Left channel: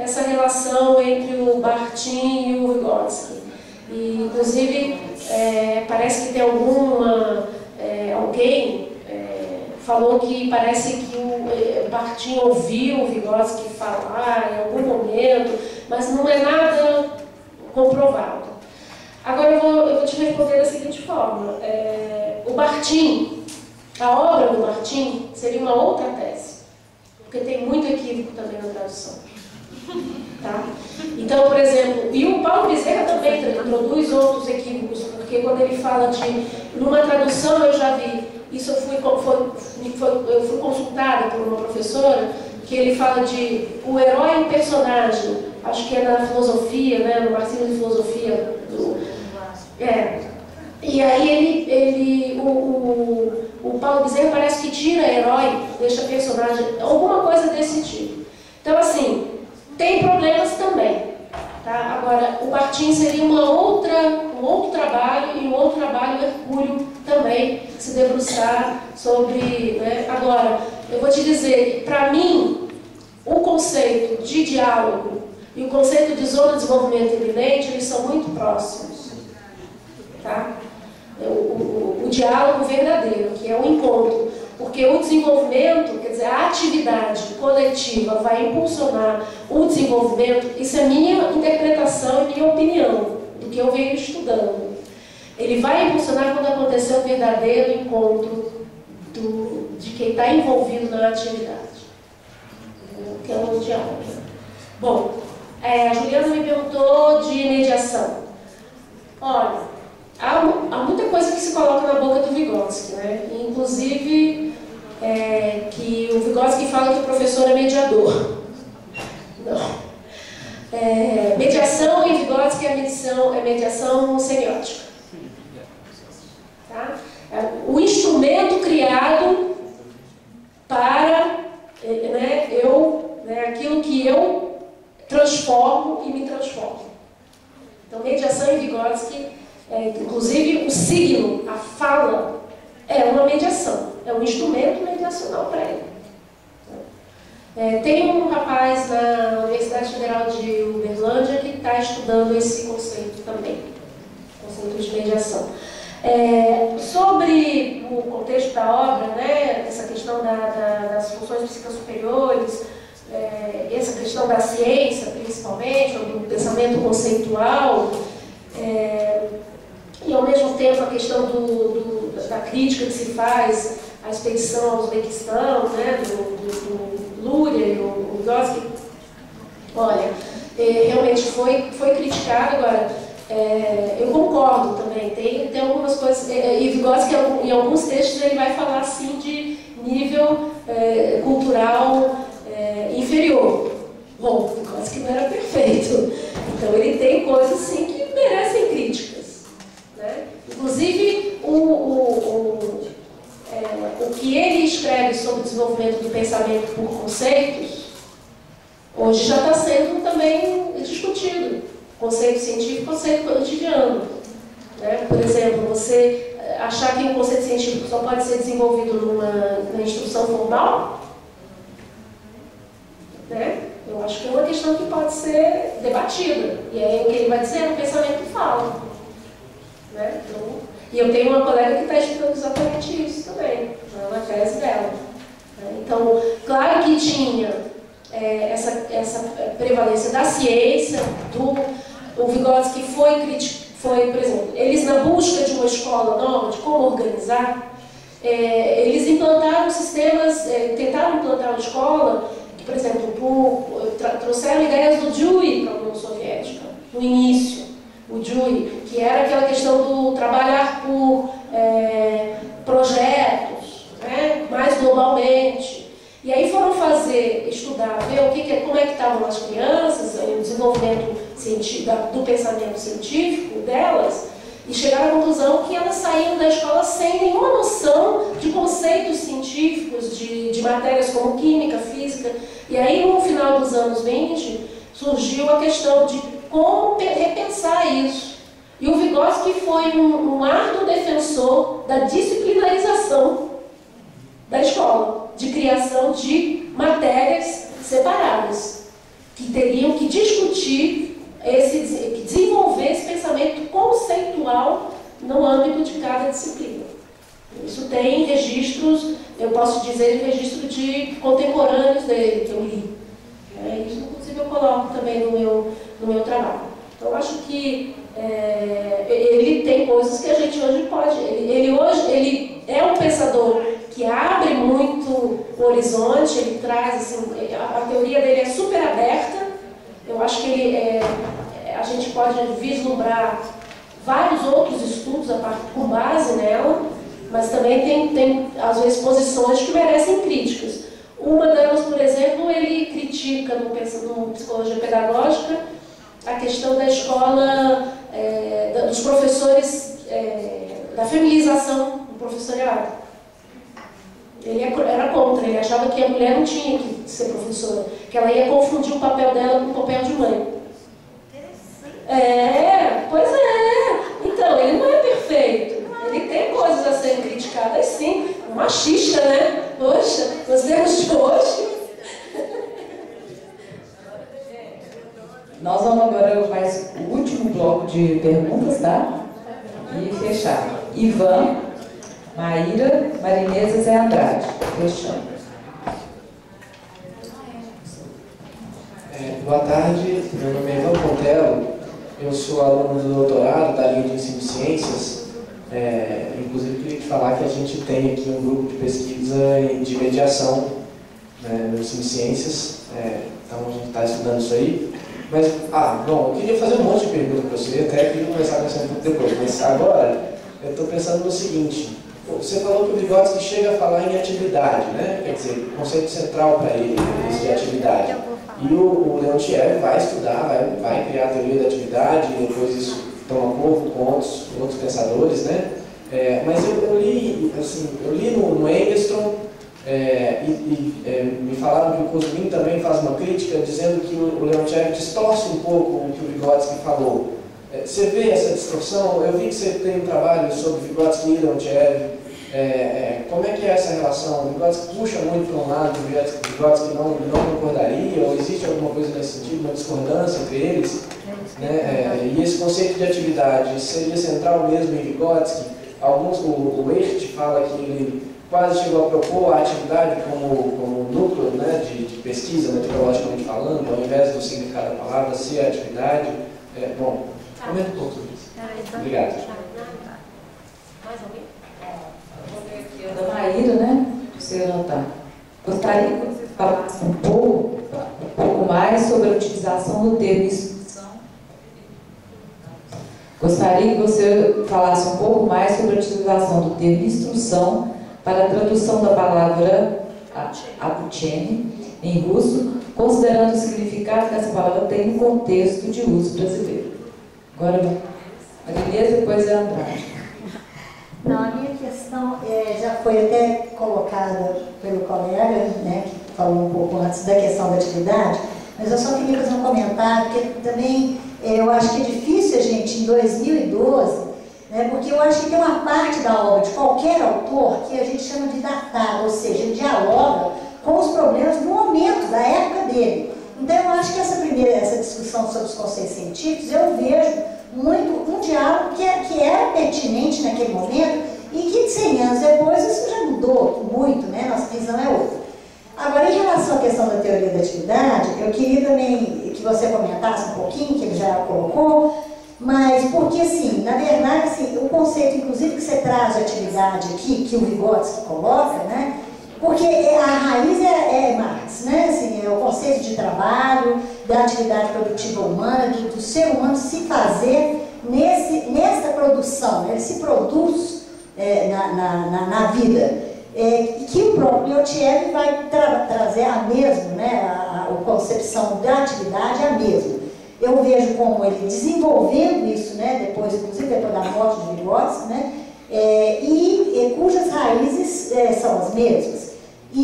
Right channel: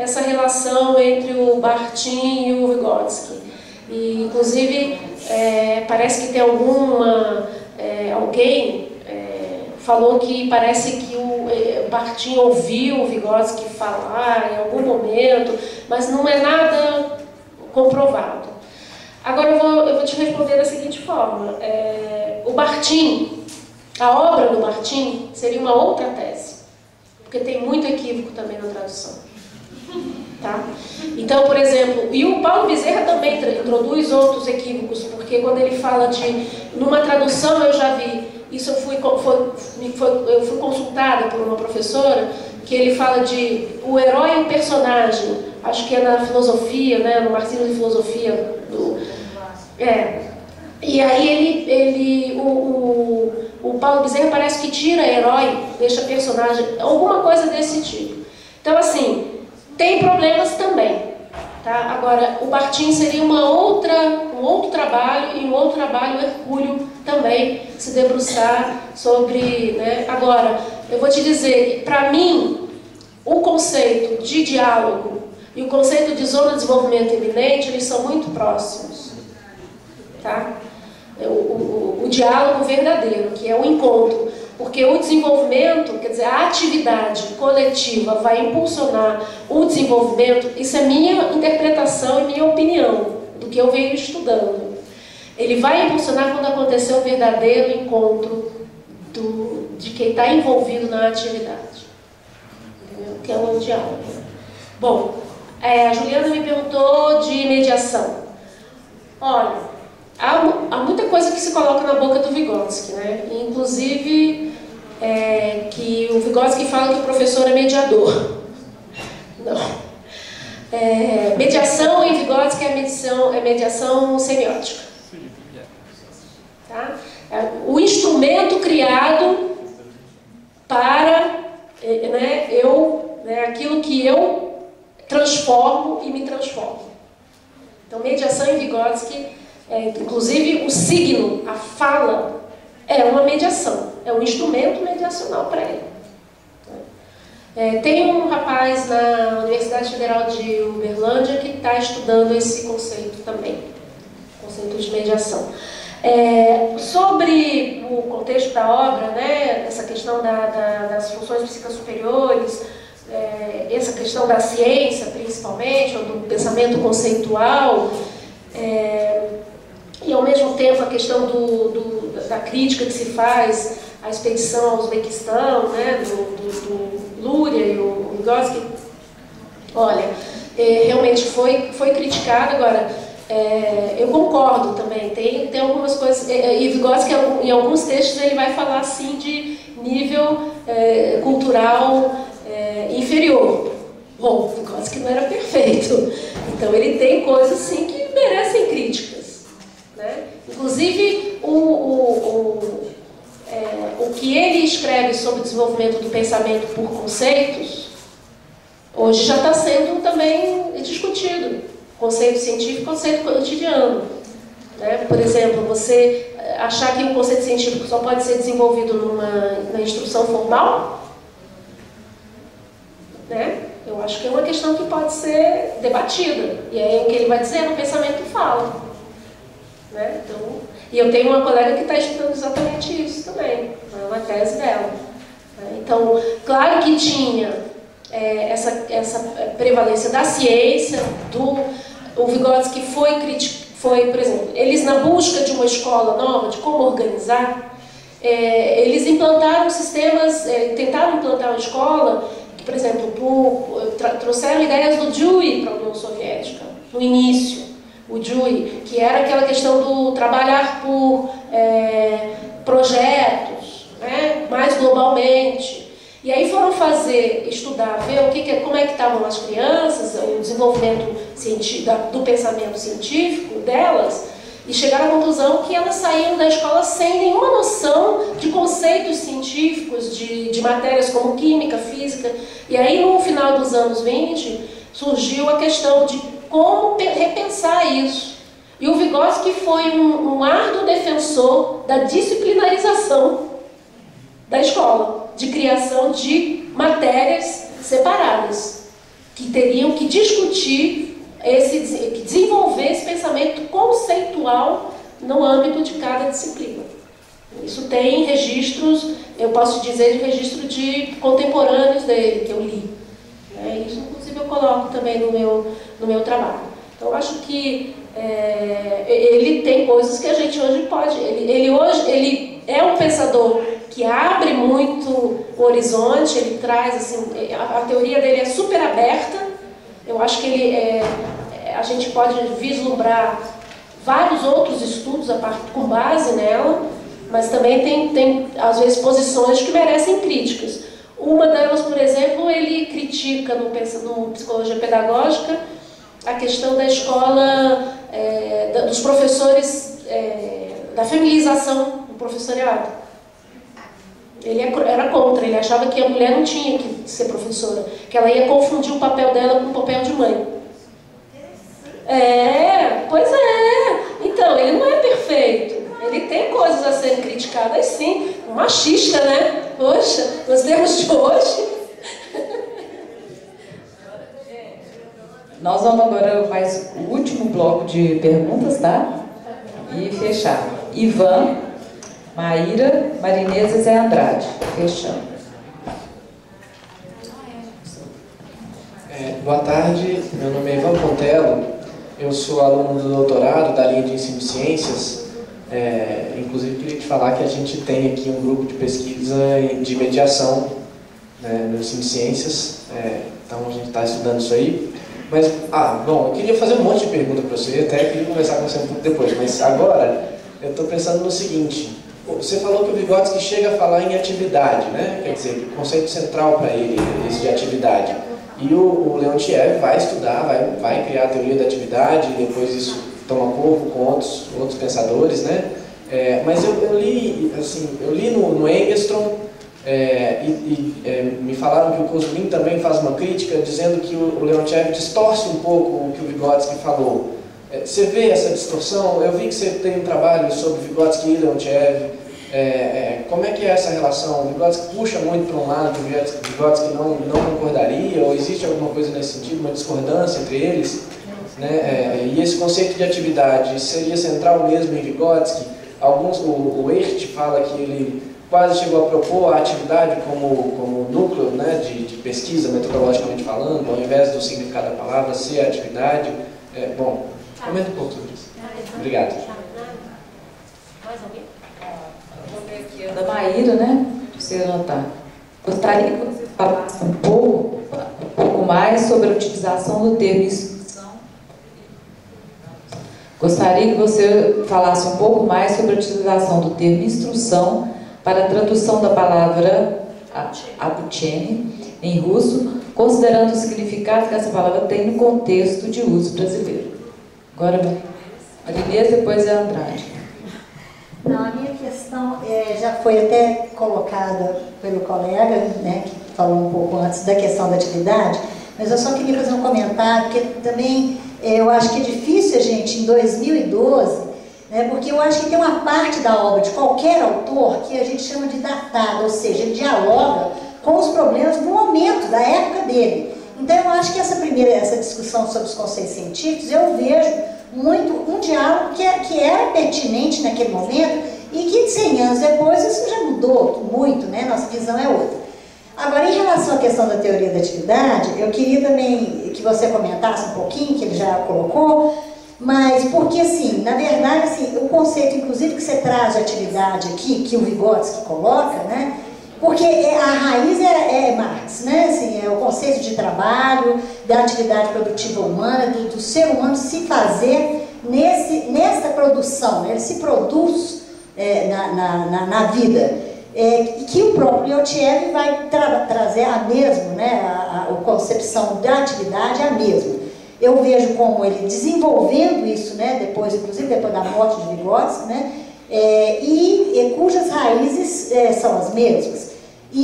essa relação entre o Bakhtin e o Vygotsky. E, inclusive, parece que tem alguém falou que parece que o Bakhtin ouviu o Vygotsky falar em algum momento, mas não é nada comprovado. Agora eu vou te responder da seguinte forma. O Bakhtin, a obra do Bakhtin seria uma outra tese, porque tem muito equívoco também na tradução. Tá? Então, por exemplo, e o Paulo Bezerra também introduz outros equívocos, porque quando ele fala de, numa tradução eu já vi, isso eu fui consultada por uma professora, que ele fala de o herói e o personagem, acho que é na filosofia, né, no Marxismo de Filosofia. E aí o Paulo Bezerra parece que tira herói, deixa personagem, alguma coisa desse tipo. Então, assim, tem problemas também. Tá? Agora, o Bakhtin seria um outro trabalho, e um outro trabalho hercúleo também, se debruçar sobre... Né? Agora, eu vou te dizer, para mim, o conceito de diálogo e o conceito de zona de desenvolvimento iminente, eles são muito próximos. Tá? O diálogo verdadeiro, que é o encontro. Porque o desenvolvimento, quer dizer, a atividade coletiva vai impulsionar o desenvolvimento, isso é minha interpretação e minha opinião, do que eu venho estudando. Ele vai impulsionar quando acontecer o verdadeiro encontro de quem está envolvido na atividade. Entendeu? Que é o diálogo. Bom, a Juliana me perguntou de mediação. Olha, há muita coisa que se coloca na boca do Vygotsky, né? Inclusive, que o Vygotsky fala que o professor é mediador. Não. Mediação em Vygotsky é mediação semiótica. Tá? O instrumento criado para aquilo que eu transformo e me transformo. Então, mediação em Vygotsky, inclusive o signo, a fala, é uma mediação, é um instrumento mediacional para ele. Tem um rapaz na Universidade Federal de Uberlândia que está estudando esse conceito também, conceito de mediação. Sobre o contexto da obra, né, essa questão das funções psíquicas superiores, essa questão da ciência, principalmente, ou do pensamento conceitual, e ao mesmo tempo a questão da crítica que se faz à expedição ao Uzbequistão, né, do Luria e o Vygotsky. Olha, realmente foi criticado. Agora, eu concordo também, tem algumas coisas, e Vygotsky em alguns textos ele vai falar assim de nível cultural inferior. Bom, Vygotsky não era perfeito, então ele tem coisas assim que merecem críticas, né? Inclusive o que ele escreve sobre o desenvolvimento do pensamento por conceitos hoje já está sendo também discutido, conceito científico e conceito cotidiano, né? Por exemplo, você achar que um conceito científico só pode ser desenvolvido na instrução formal, né? Eu acho que é uma questão que pode ser debatida. E aí o que ele vai dizer no pensamento fala. Né? Então, e eu tenho uma colega que está estudando exatamente isso também, na tese dela. Então, claro que tinha essa prevalência da ciência, o Vygotsky foi, por exemplo, eles na busca de uma escola nova, de como organizar, eles implantaram sistemas, tentaram implantar uma escola que, por exemplo, trouxeram ideias do Dewey para a União Soviética, no início, o Dewey, que era aquela questão do trabalhar por projetos, né, mais globalmente. E aí foram estudar, ver como é que estavam as crianças, o desenvolvimento do pensamento científico delas, e chegaram à conclusão que elas saíam da escola sem nenhuma noção de conceitos científicos, de matérias como química, física. E aí, no final dos anos 20, surgiu a questão de como repensar isso. E o Vygotsky foi um árduo defensor da disciplinarização da escola, de criação de matérias separadas, que teriam que discutir, que desenvolver esse pensamento conceitual no âmbito de cada disciplina. Isso tem registros, eu posso dizer, de registro de contemporâneos dele, que eu li. Isso, inclusive, eu coloco também no meu trabalho. Então, eu acho que ele tem coisas que a gente hoje pode... Ele é um pensador que abre muito o horizonte, ele traz, assim, a teoria dele é super aberta. Eu acho que a gente pode vislumbrar vários outros estudos com base nela, mas também tem às vezes, posições que merecem críticas. Uma delas, por exemplo, ele critica no Psicologia Pedagógica a questão da escola, dos professores, da feminização do professorado. Ele era contra, ele achava que a mulher não tinha que ser professora, que ela ia confundir o papel dela com o papel de mãe. Pois é. Então, ele não é perfeito. Ele tem coisas a serem criticadas, sim. Machista, né? Poxa, nos termos de hoje. Nós vamos agora mais o último bloco de perguntas, tá? E fechar. Ivan, Maíra, Marinesa e Zé Andrade. Fechando. Boa tarde, meu nome é Ivan Pontelo. Eu sou aluno do doutorado da linha de ensino de ciências. Inclusive, queria te falar que a gente tem aqui um grupo de pesquisa de mediação, né, no ensino de ciências. Então, a gente está estudando isso aí. Mas, bom, eu queria fazer um monte de perguntas para você, até queria conversar com você um pouco depois. Mas agora, eu estou pensando no seguinte. Você falou que o Vygotsky chega a falar em atividade, né? Quer dizer, o conceito central para ele, esse de atividade. E o Leontiev vai estudar, vai criar a teoria da atividade, e depois isso toma corpo com outros pensadores, né? Mas eu li no Engstrom, me falaram que o Kozulin também faz uma crítica, dizendo que o Leontiev distorce um pouco o que o Vygotsky falou. Você vê essa distorção? Eu vi que você tem um trabalho sobre Vygotsky e Leontiev. Como é que é essa relação? O Vygotsky puxa muito para um lado, o Vygotsky não concordaria, ou existe alguma coisa nesse sentido, uma discordância entre eles? Né? E esse conceito de atividade seria central mesmo em Vygotsky? O Echt fala que ele quase chegou a propor a atividade como núcleo, né, de pesquisa, metodologicamente falando, ao invés do significado da palavra ser a atividade. Bom, comenta um pouco sobre isso. Obrigado. Mais alguém? Vou ver aqui a da Maíra, né? Para você anotar. Gostaria que você falasse um pouco mais sobre a utilização do termo instrução. Gostaria que você falasse um pouco mais sobre a utilização do termo instrução para a tradução da palavra обучение em russo, considerando o significado que essa palavra tem no contexto de uso brasileiro. Agora, Marinesa, depois é Andrade. Não, a minha questão já foi até colocada pelo colega, né, que falou um pouco antes da questão da atividade, mas eu só queria fazer um comentário, porque também eu acho que é difícil a gente, em 2012, né, porque eu acho que tem uma parte da obra de qualquer autor que a gente chama de datada, ou seja, ele dialoga com os problemas do momento, da época dele. Então eu acho que essa discussão sobre os conceitos científicos, eu vejo muito um diálogo que era pertinente naquele momento e que 100 anos depois isso já mudou muito, né? Nossa visão é outra. Agora, em relação à questão da teoria da atividade, eu queria também que você comentasse um pouquinho, que ele já colocou, mas porque, assim, na verdade, assim, o conceito, inclusive, que você traz de atividade aqui, que o Vygotsky coloca, né? Porque a raiz é Marx, né? Assim, é o conceito de trabalho, da atividade produtiva humana, do ser humano se fazer nessa produção, né? Ele se produz na vida. E que o próprio Leontiev vai trazer a mesma, né? A concepção da atividade é a mesma. Eu vejo como ele desenvolvendo isso, né? Depois, inclusive depois da morte de Vygotsky, né? Cujas raízes são as mesmas.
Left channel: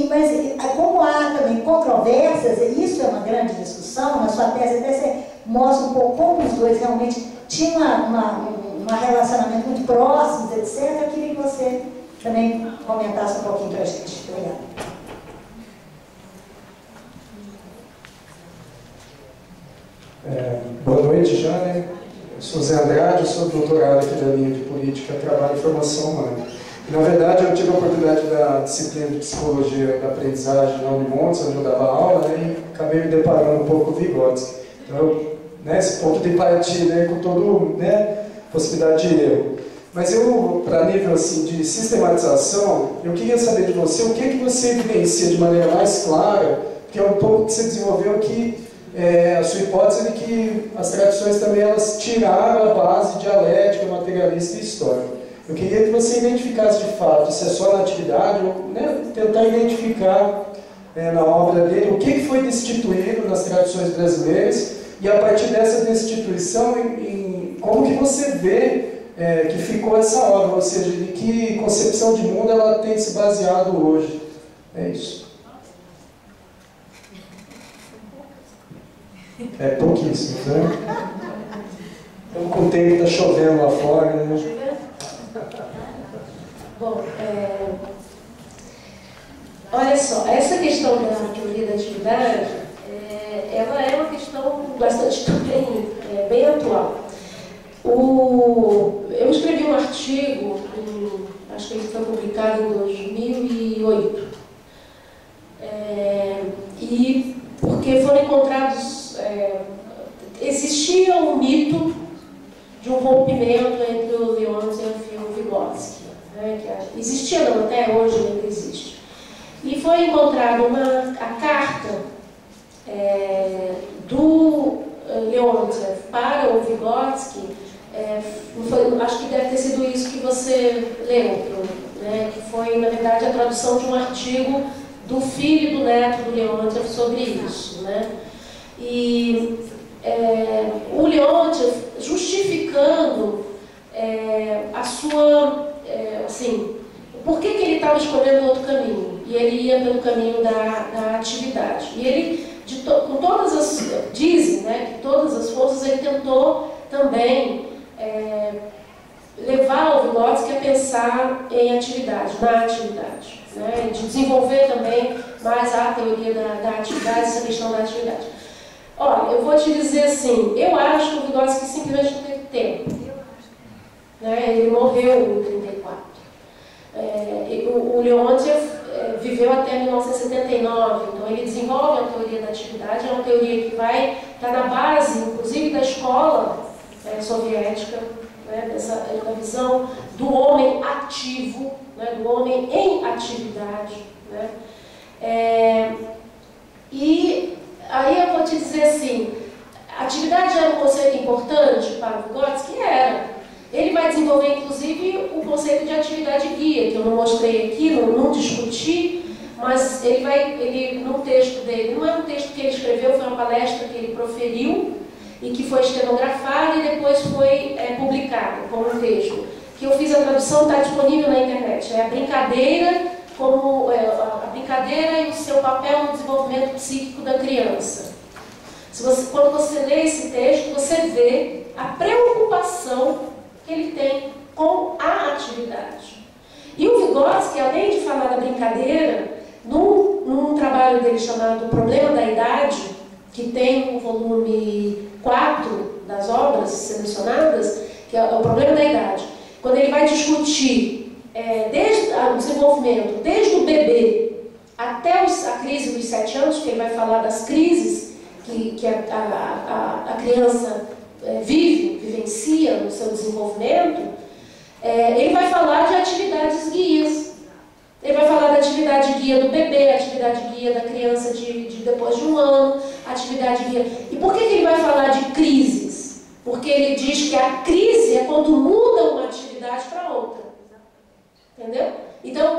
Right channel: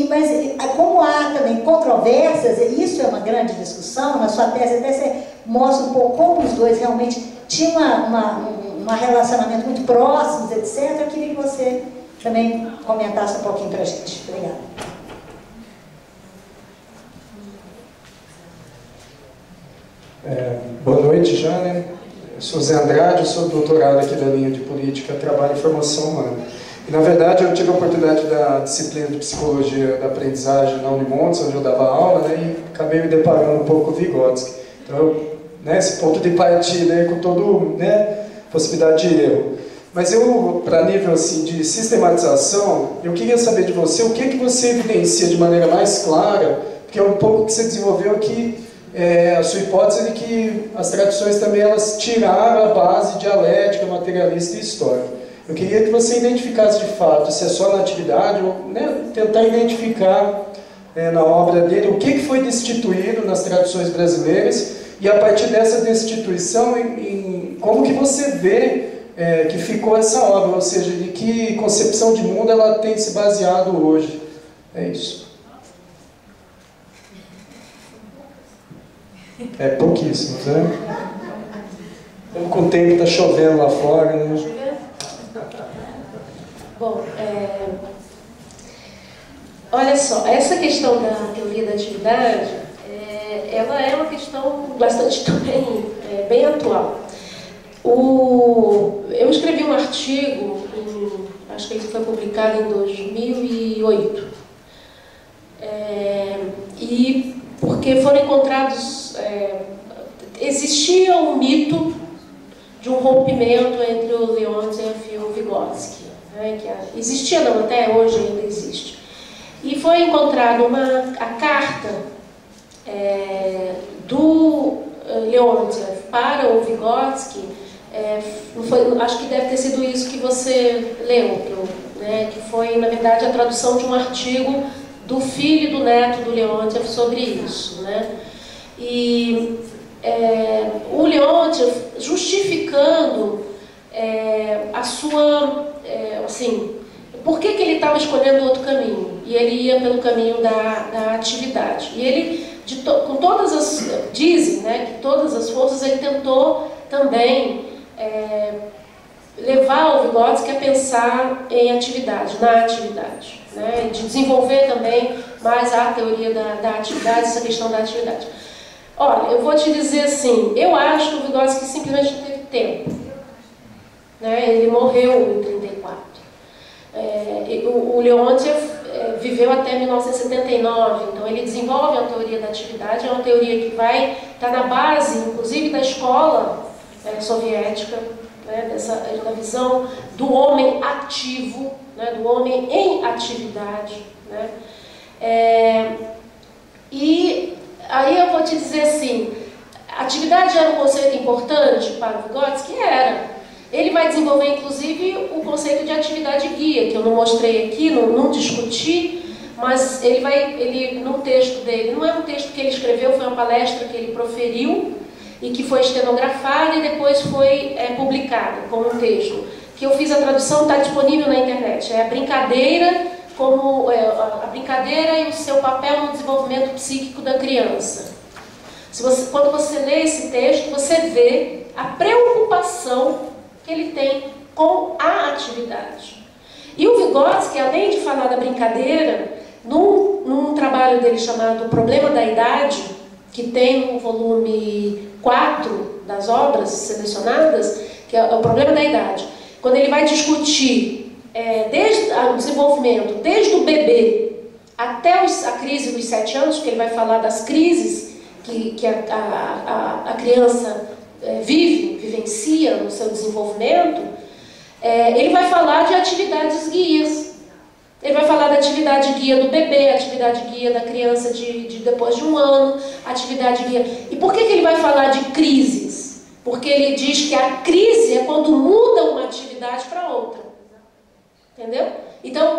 Mas como há também controvérsias, e isso é uma grande discussão, na sua tese até você mostra um pouco como os dois realmente tinham um relacionamento muito próximos, etc. Eu queria que você também comentasse um pouquinho para a gente. Obrigada. Boa noite já, né? Eu sou Zé Andrade, eu sou doutorado aqui da linha de Política, Trabalho e Formação Humana. E, na verdade, eu tive a oportunidade da disciplina de Psicologia da Aprendizagem na Unimontes, onde eu dava aula, né, e acabei me deparando um pouco com o Vygotsky. Então, esse ponto de partida aí, com toda, possibilidade de erro. Mas eu, para nível assim, de sistematização, eu queria saber de você o que você evidencia de maneira mais clara, porque é um pouco que você desenvolveu aqui, a sua hipótese de que as tradições também elas tiraram a base dialética, materialista e histórica. Eu queria que você identificasse de fato se é só na atividade, ou tentar identificar na obra dele o que foi destituído nas tradições brasileiras e a partir dessa destituição, como que você vê que ficou essa obra, ou seja, de que concepção de mundo ela tem se baseado hoje. É isso. É pouquíssimo, né? Estamos com o tempo, está chovendo lá fora, né? Bom, olha só, essa questão da teoria da atividade, ela é uma questão bastante também bem atual. Eu escrevi um artigo, acho que ele foi publicado em 2008, e porque foram encontrados, existia um mito de um rompimento entre o Leontiev e o Vygotsky, que existia não, até hoje ainda existe. E foi encontrada a carta do Leontiev para o Vygotsky, acho que deve ter sido isso que você leu, que foi, na verdade, a tradução de um artigo do filho e do neto do Leontiev sobre isso. E o Leontiev justificando a sua... por que ele estava escolhendo outro caminho? E ele ia pelo caminho da atividade. E ele, com todas as... Dizem que todas as forças ele tentou também levar o Vygotsky a pensar em atividade, na atividade, de desenvolver também mais a teoria da atividade, essa questão da atividade. Olha, eu vou te dizer assim, eu acho que o Vygotsky simplesmente não teve tempo. Ele morreu em 34. O Leontiev viveu até 1979, então ele desenvolve a teoria da atividade, é uma teoria que vai estar na base, inclusive, da escola soviética, da visão do homem ativo, do homem em atividade. E aí eu vou te dizer assim, atividade era um conceito importante para o Vygotsky? Era. Ele vai desenvolver, inclusive, o conceito de atividade guia, que eu não mostrei aqui, não discuti, mas ele no texto dele, não é um texto que ele escreveu, foi uma palestra que ele proferiu e que foi estenografada e depois foi publicada como um texto. Que eu fiz a tradução, está disponível na internet. É a brincadeira, a brincadeira e o seu papel no desenvolvimento psíquico da criança. Quando você lê esse texto, você vê a preocupação que ele tem com a atividade. E o Vygotsky, além de falar da brincadeira, num trabalho dele chamado Problema da Idade, que tem no volume 4 das obras selecionadas, que é o Problema da Idade, quando ele vai discutir desde o desenvolvimento, desde o bebê até a crise dos 7 anos, que ele vai falar das crises que a criança vivencia no seu desenvolvimento, ele vai falar de atividades guias. Ele vai falar da atividade guia do bebê, atividade guia da criança depois de 1 ano, atividade guia... E por que ele vai falar de crises? Porque ele diz que a crise é quando muda uma atividade para outra. Entendeu? Então,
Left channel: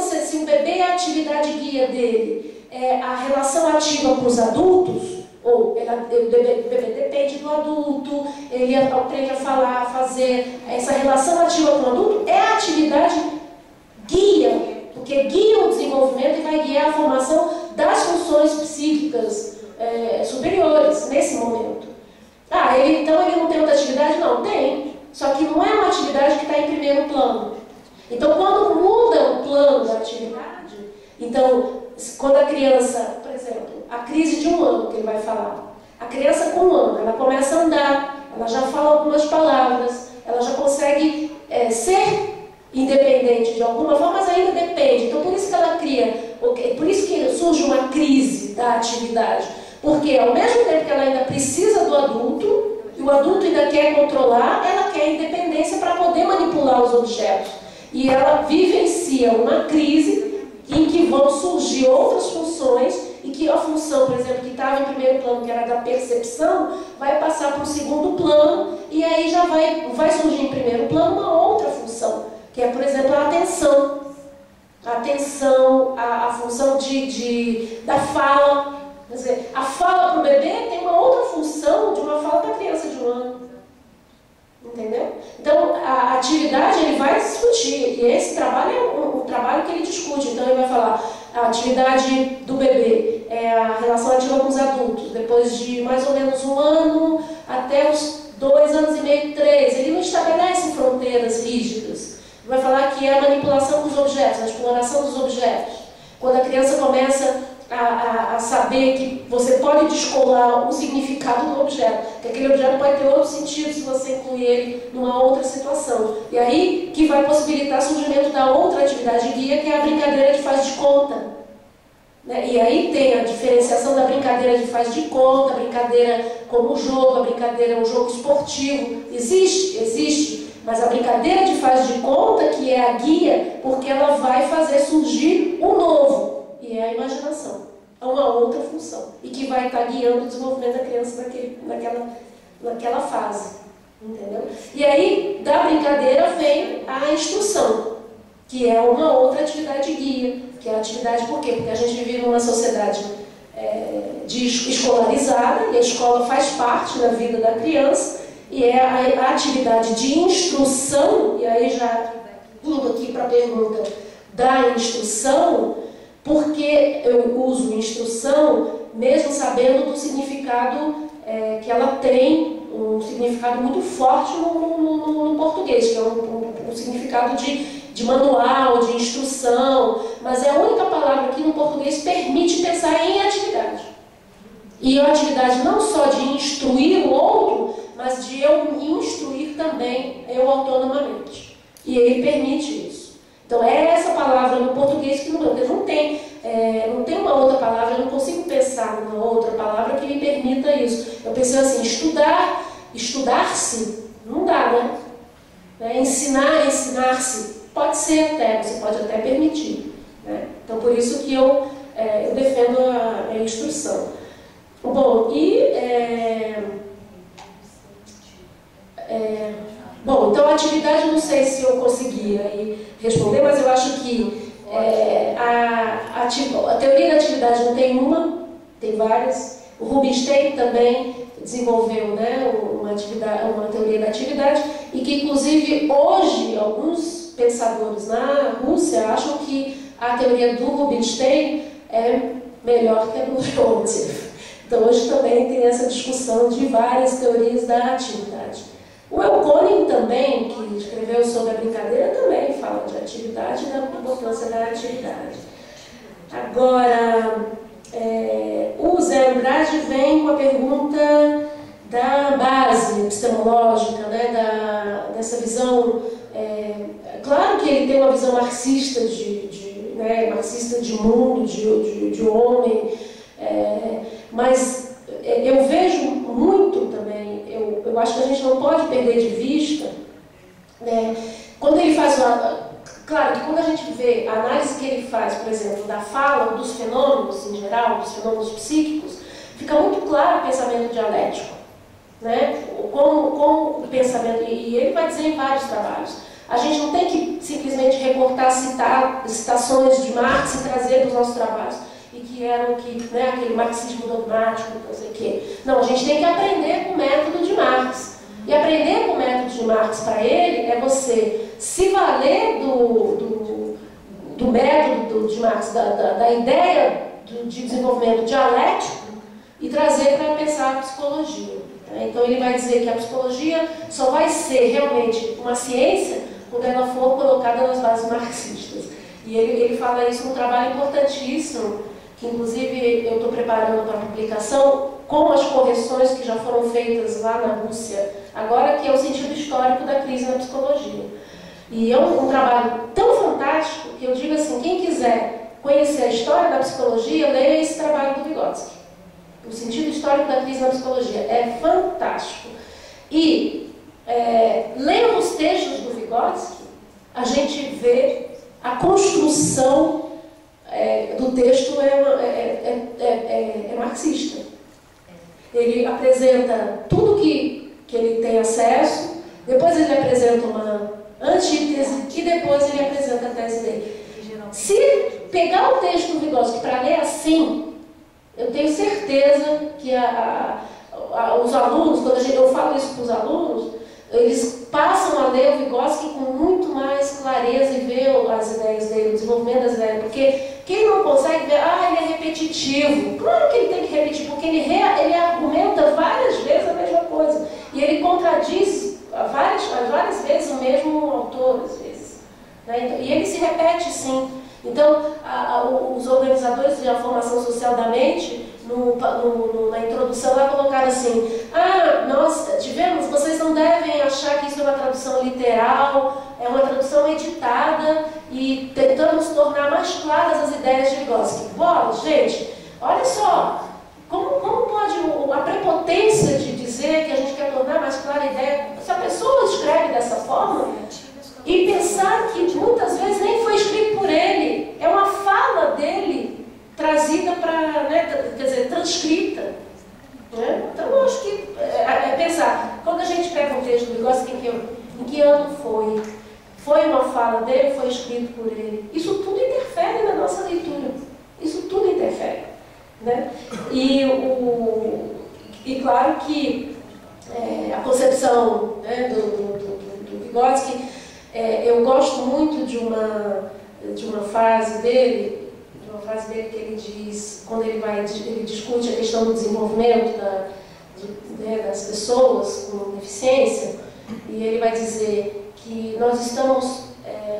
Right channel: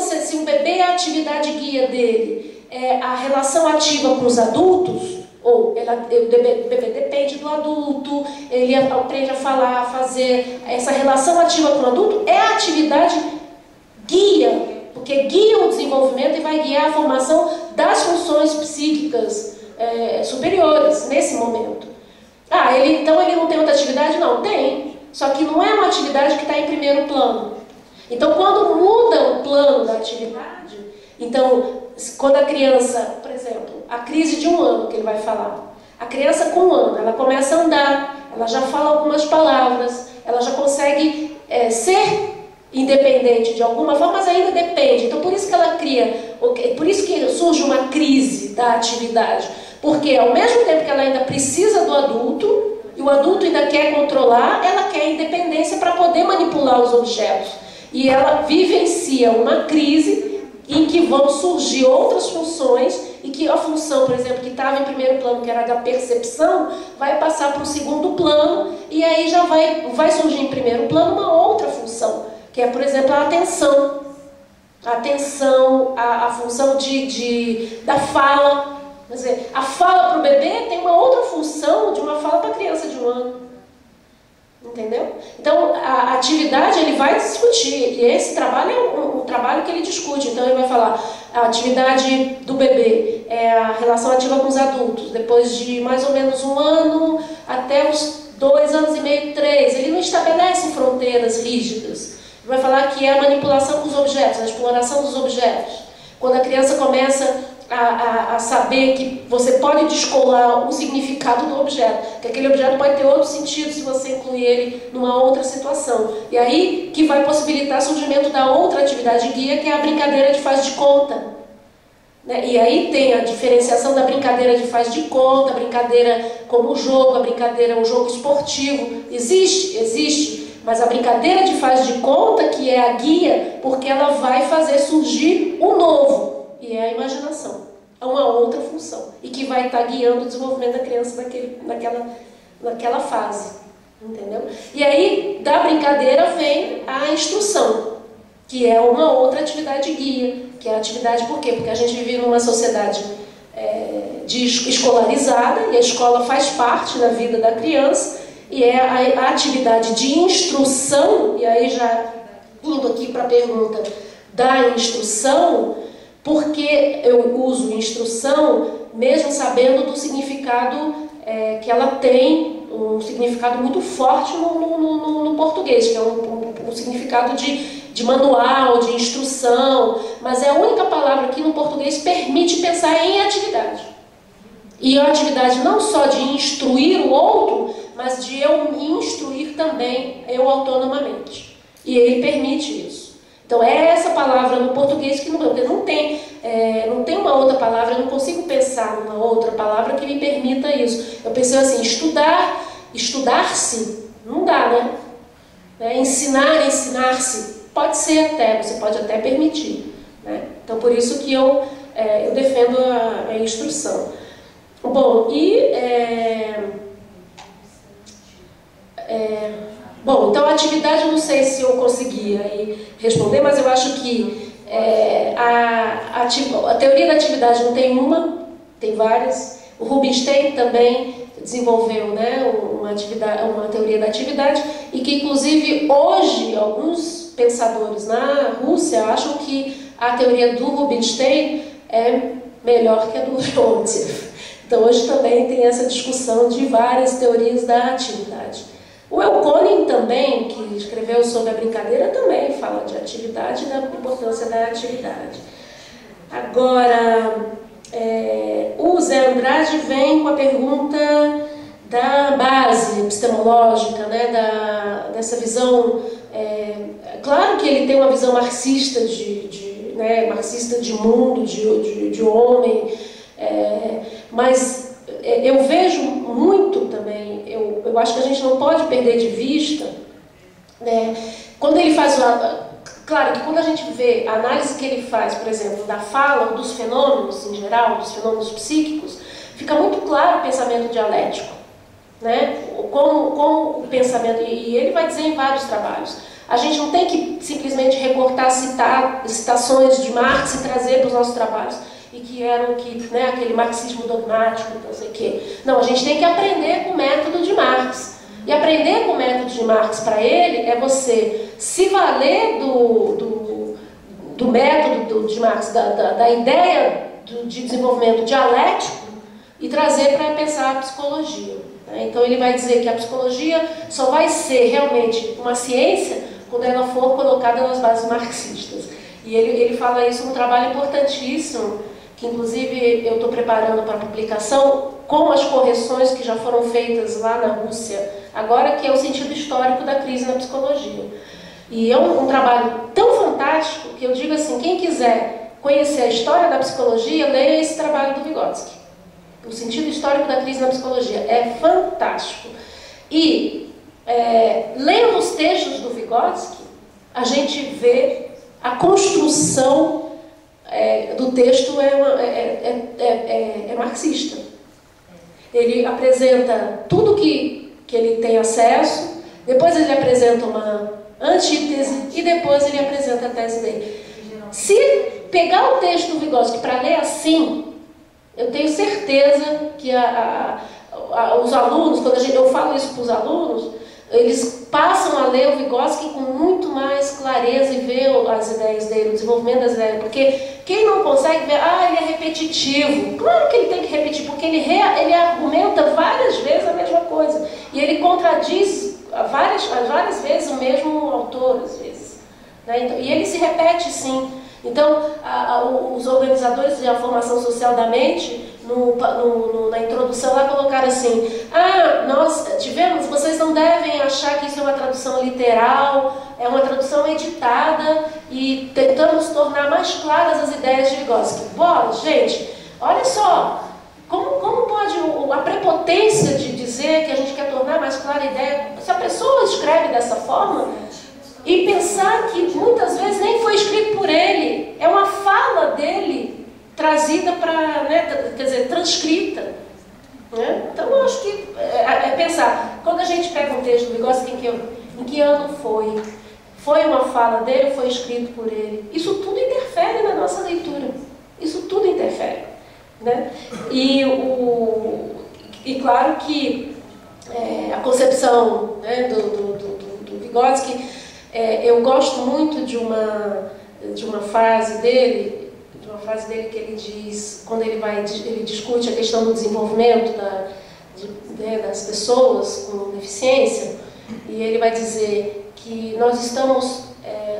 se um bebê, a atividade guia dele é a relação ativa com os adultos, ou o bebê depende do adulto, ele aprende a falar, a fazer essa relação ativa com o adulto, é a atividade guia, porque guia o desenvolvimento e vai guiar a formação das funções psíquicas superiores nesse momento. Então ele não tem outra atividade? Não, tem. Só que não é uma atividade que está em primeiro plano. Então, quando muda o plano da atividade, então, quando a criança, por exemplo, a crise de 1 ano que ele vai falar, A criança com 1 ano, ela começa a andar, ela já fala algumas palavras, ela já consegue ser independente de alguma forma, mas ainda depende. Então por isso que ela cria, por isso que surge uma crise da atividade, porque ao mesmo tempo que ela ainda precisa do adulto, e o adulto ainda quer controlar, ela quer independência para poder manipular os objetos. E ela vivencia uma crise em que vão surgir outras funções, e que a função, por exemplo, que estava em primeiro plano, que era da percepção, vai passar para o segundo plano, e aí já vai surgir em primeiro plano uma outra função, que é, por exemplo, a atenção. A atenção, a função da fala. Quer dizer, a fala para o bebê tem uma outra função de uma fala para a criança de 1 ano. Entendeu? Então, a atividade ele vai discutir, e esse trabalho é um trabalho que ele discute. Então, ele vai falar, a atividade do bebê é a relação ativa com os adultos, depois de mais ou menos 1 ano até os 2 anos e meio, 3. Ele não estabelece fronteiras rígidas. Ele vai falar que é a manipulação com os objetos, a exploração dos objetos. Quando a criança começa a saber que você pode descolar o significado do objeto, que aquele objeto pode ter outro sentido se você incluir ele numa outra situação. E aí que vai possibilitar o surgimento da outra atividade guia, que é a brincadeira de faz de conta. Né? E aí tem a diferenciação da brincadeira de faz de conta, a brincadeira como jogo, a brincadeira, o jogo esportivo. Existe, mas a brincadeira de faz de conta que é a guia, porque ela vai fazer surgir o novo. E é a imaginação, é uma outra função, e que vai estar guiando o desenvolvimento da criança naquela fase, entendeu? E aí, da brincadeira vem a instrução, que é uma outra atividade guia, que é a atividade, por quê? Porque a gente vive numa sociedade escolarizada, e a escola faz parte da vida da criança, e é a atividade de instrução, e aí já indo aqui para a pergunta da instrução, porque eu uso instrução mesmo sabendo do significado que ela tem, um significado muito forte no português, que é um significado de manual, de instrução, mas é a única palavra que no português permite pensar em atividade. E a atividade não só de instruir o outro, mas de eu me instruir também, eu autonomamente. E ele permite isso. Então é essa palavra no português que não tem uma outra palavra, eu não consigo pensar numa outra palavra que me permita isso. Eu pensei assim, estudar-se, não dá, né? Ensinar-se, pode ser até, você pode até permitir. Né? Então por isso que eu defendo a instrução. Bom, então a atividade, eu não sei se eu conseguia responder, mas eu acho que a teoria da atividade não tem uma, tem várias. O Rubinstein também desenvolveu, né, uma teoria da atividade, e que inclusive hoje alguns pensadores na Rússia acham que a teoria do Rubinstein é melhor que a do Leontiev. Então hoje também tem essa discussão de várias teorias da atividade. O Elkonin também, que escreveu sobre a brincadeira, também fala de atividade e da importância da atividade. Agora, o Zé Andrade vem com a pergunta da base epistemológica, né, dessa visão. Claro que ele tem uma visão marxista marxista de mundo, de homem, mas eu vejo muito também, eu acho que a gente não pode perder de vista, né, quando ele faz claro que quando a gente vê a análise que ele faz, por exemplo, da fala, dos fenômenos em geral, dos fenômenos psíquicos, fica muito claro o pensamento dialético, né, como o pensamento, e ele vai dizer em vários trabalhos, a gente não tem que simplesmente recortar, citar citações de Marx e trazer para os nossos trabalhos, e que eram aquele marxismo dogmático, não sei o quê. Não, a gente tem que aprender com o método de Marx. E aprender com o método de Marx para ele é você se valer do método de Marx, da ideia de desenvolvimento dialético, e trazer para pensar a psicologia. Né? Então ele vai dizer que a psicologia só vai ser realmente uma ciência quando ela for colocada nas bases marxistas. E ele fala isso num trabalho importantíssimo, que inclusive eu estou preparando para publicação, com as correções que já foram feitas lá na Rússia, agora, que é o sentido histórico da crise na psicologia. E é um trabalho tão fantástico que eu digo assim, quem quiser conhecer a história da psicologia, leia esse trabalho do Vygotsky. O sentido histórico da crise na psicologia é fantástico. E lendo os textos do Vygotsky, a gente vê a construção do texto é marxista. Ele apresenta tudo que ele tem acesso, depois ele apresenta uma antítese e depois ele apresenta a tese dele. Se pegar o texto do Vygotsky para ler assim, eu tenho certeza que os alunos, quando eu falo isso para os alunos, eles passam a ler o Vygotsky com muito mais clareza e ver as ideias dele, o desenvolvimento das ideias, porque quem não consegue ver, ele é repetitivo. Claro que ele tem que repetir, porque ele argumenta várias vezes a mesma coisa, e ele contradiz várias vezes o mesmo autor, às vezes, né? Então, e ele se repete, sim. Então, os organizadores da formação social da mente, na introdução lá, colocaram assim: vocês não devem achar que isso é uma tradução literal, é uma tradução editada, e tentamos tornar mais claras as ideias de Vygotsky. Bora, gente, olha só, como pode a prepotência de dizer que a gente quer tornar mais clara a ideia, se a pessoa escreve dessa forma, e pensar que muitas vezes nem foi escrito por ele, é uma fala dele trazida para, quer dizer, transcrita. Né? Então eu acho que pensar, quando a gente pega um texto do Vygotsky, em que ano foi? Foi uma fala dele, foi escrito por ele? Isso tudo interfere na nossa leitura. Isso tudo interfere. Né? E claro que a concepção, né, do Vygotsky, eu gosto muito de uma frase dele, que ele diz, quando ele discute a questão do desenvolvimento das pessoas com deficiência, e ele vai dizer que nós estamos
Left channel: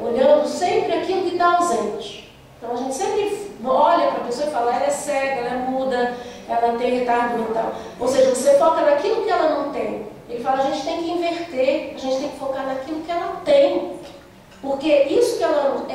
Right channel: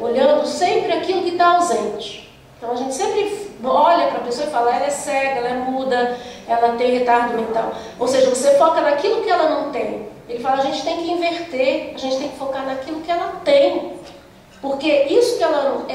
olhando sempre aquilo que está ausente. Então a gente sempre olha para a pessoa e fala, ela é cega, ela é muda, ela tem retardo mental. Ou seja, você foca naquilo que ela não tem. Ele fala, a gente tem que inverter, a gente tem que focar naquilo que ela tem. Porque isso que ela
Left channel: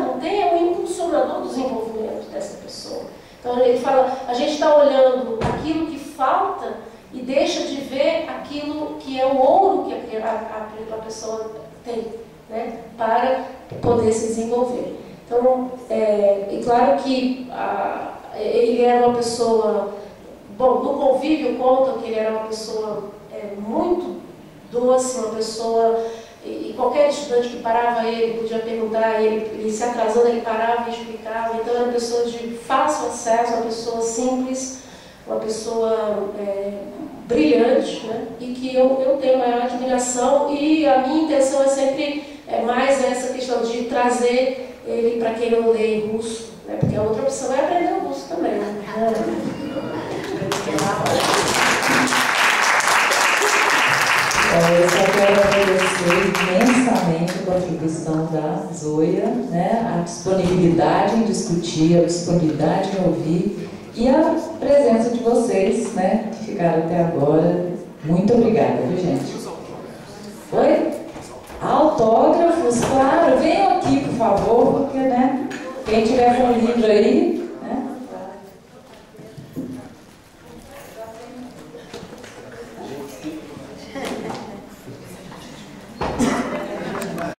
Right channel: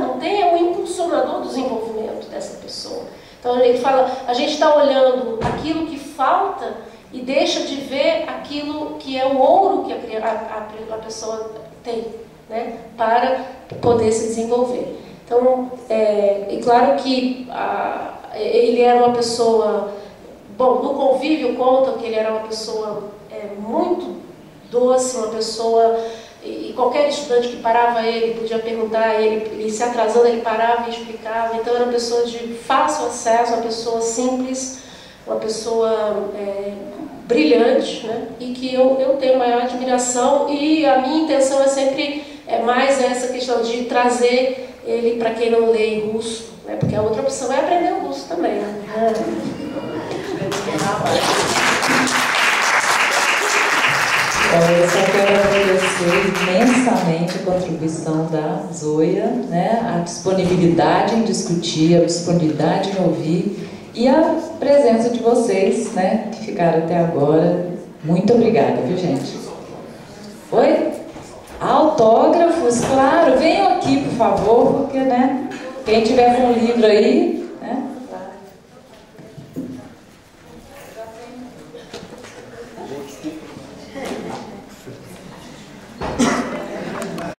não tem é o impulsionador do desenvolvimento dessa pessoa. Então ele fala, a gente está olhando aquilo que falta e deixa de ver aquilo que é o ouro que a pessoa tem, né, para poder se desenvolver. Então, é claro que ele era uma pessoa, bom, no convívio contam que ele era uma pessoa muito doce, uma pessoa, e qualquer estudante que parava ele, podia perguntar a ele se atrasando, ele parava e explicava. Então era uma pessoa de fácil acesso, uma pessoa simples, uma pessoa brilhante, né? E que eu tenho maior admiração, e a minha intenção é sempre mais essa questão de trazer ele para quem não lê em russo, né? Porque a outra opção é aprender o russo também, né? Eu só quero agradecer imensamente a contribuição da Zoia, né? A disponibilidade em discutir, a disponibilidade em ouvir e a presença de vocês, né, que ficaram até agora. Muito obrigada, viu, gente? Oi? Autógrafos, claro, venham aqui, por favor, porque, né, quem tiver com um livro aí,